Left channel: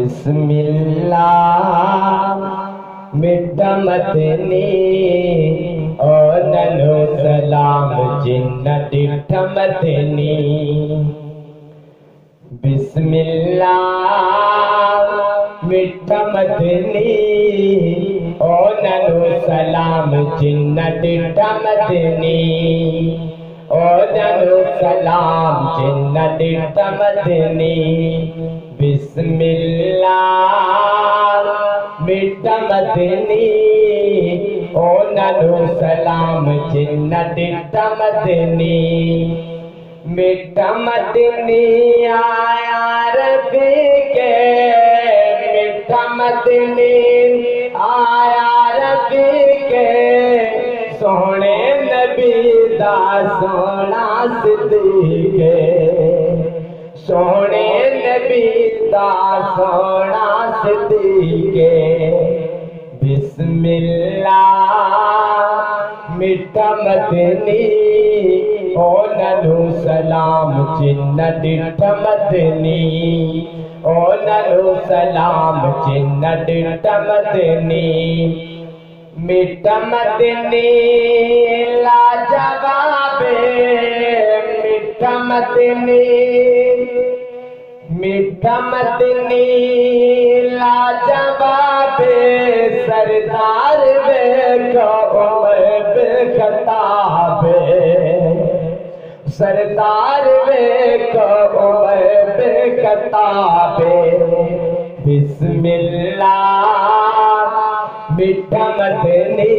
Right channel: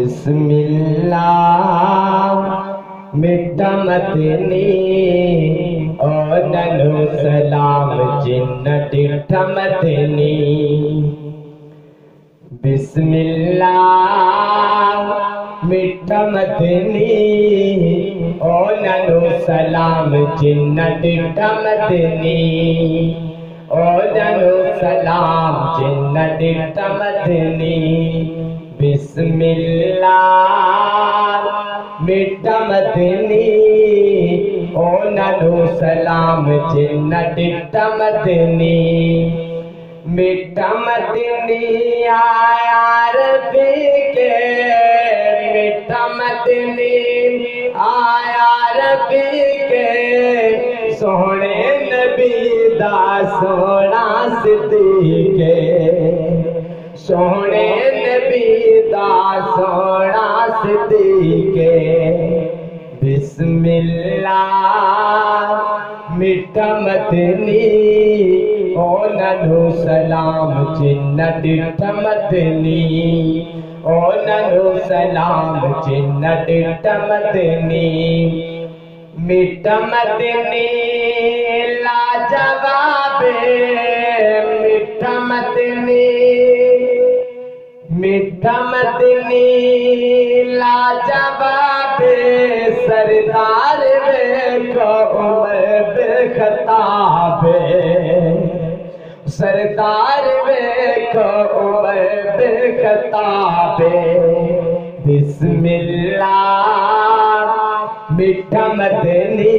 बिस्मिल्लाह मिठा मदनी ओ ननो सलाम जिन्न डिठा मदनी। बिस्मिल्लाह मिठा मदनी ओ ननो सलाम जिन्न डिठा मदनी। ओ ननो सलाम जिन्न डिठा मदनी। बिस्मिल्लाह मिठा मदनी ओ ननो सलाम जिन्न डिठा मदनी। मिठा मदनी आया रबी के, मिठा मदनी आया रबी के, सोहने नबी दा सोना सिद्दीक़े, सोहने नबी दा सोना सिद्दीक़े। बिस्मिल्लाह मिठा मदनी ओ ननो सलाम जिन्न डिठा मदनी। ओ ननो सलाम जिन्न डिठा मदनी। मिठा मदनी लाजवाबे, मिठा मदनी, मिठा मदनी लाजवाबे, सरदार वे उमर बेखताबे, सरदार वे उमर बेखताबे। बिस्मिल्लाह मिठा मदनी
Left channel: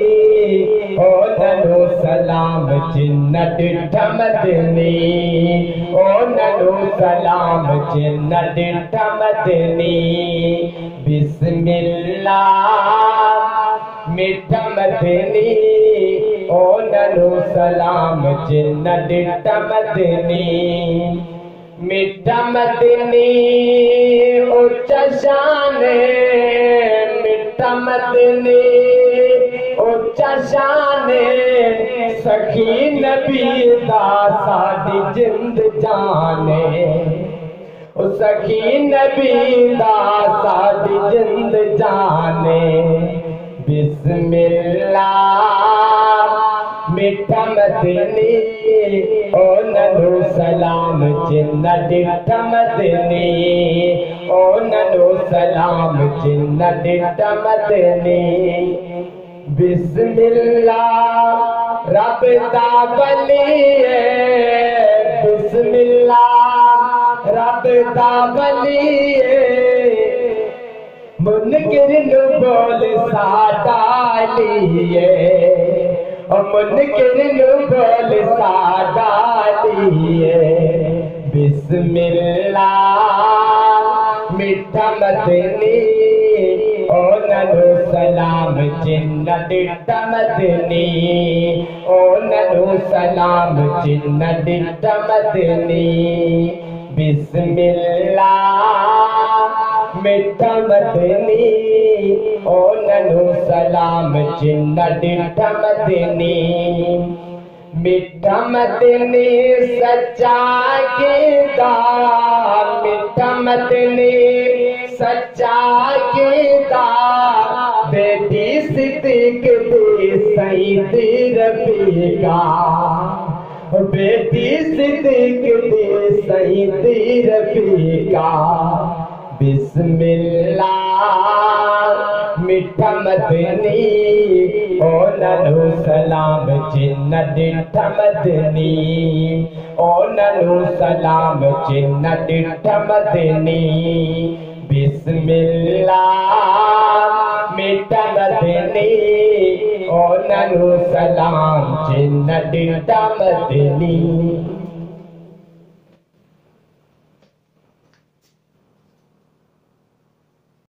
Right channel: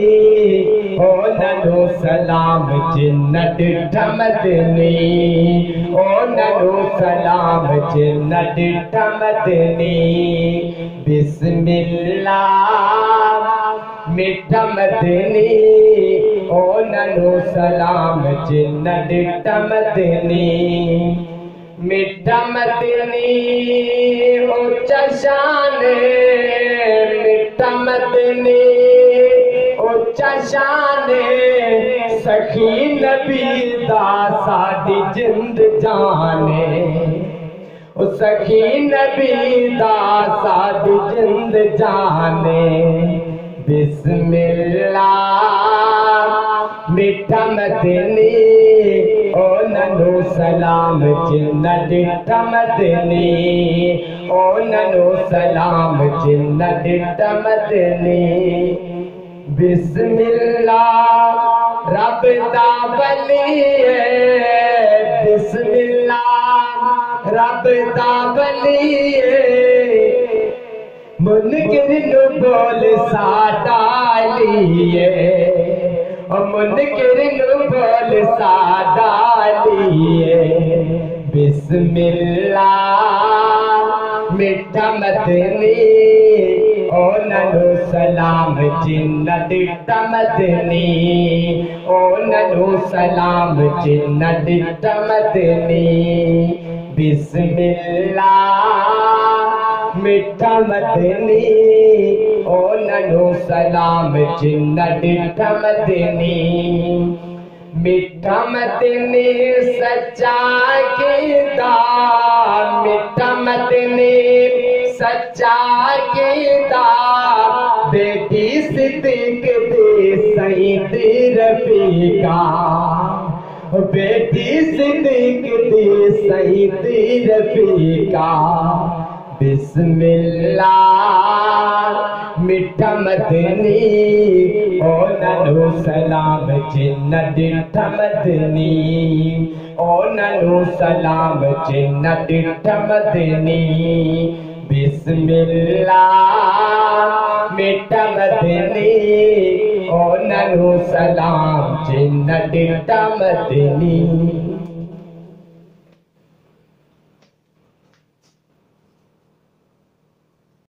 ओ ननो सलाम जिन्न डिठा मदनी। ओ ननो सलाम जिन्न डिठा मदनी। बिस्मिल्लाह मिठा मदनी ओ ननो सलाम जिन्न डिठा मदनी। मिठा मदनी उच्चा शाने, मिठा मदनी उच्चा शाने, सखी नबी दा साडी जिंद जाने। ओ सखी नबी दा साडी जिंद जाने। बिस्मिल्लाह मिठा मदनी ओ ननो सलाम जिन्न डिठा मदनी। ओ ननो सलाम जिन्न डिठा मदनी। बिस्मिल्लाह रब दा वली है, बिस्मिल्लाह रब दा वली है, मुनकिर नु बोल साडा लिए, ओ मुनकिर नु बोल साडा लिए। बिस्मिल्लाह मिठा मदनी ओ ननो सलाम जिन्न डिठा मदनी। ओ ननो सलाम जिन्न डिठा मदनी। बिस्मिल्लाह मिठा मदनी ओ ननो सलाम जिन्न डिठा मदनी। मिठा मदनी सच्चा कीदा, मिठा मदनी सच्चा कीदा, बेटी सिद्दीक दी सईद रफीका, बेटी सिद्दीक दी सईद रफीका। बिस्मिल्लाह मिठा मदनी ओ ननो सलाम जिन्न डिठा मदनी। ओ ननो सलाम जिन्न डिठा मदनी। बिस्मिल्लाह मिठा मदनी ओ ननो सलाम जिन्न डिठा मदनी।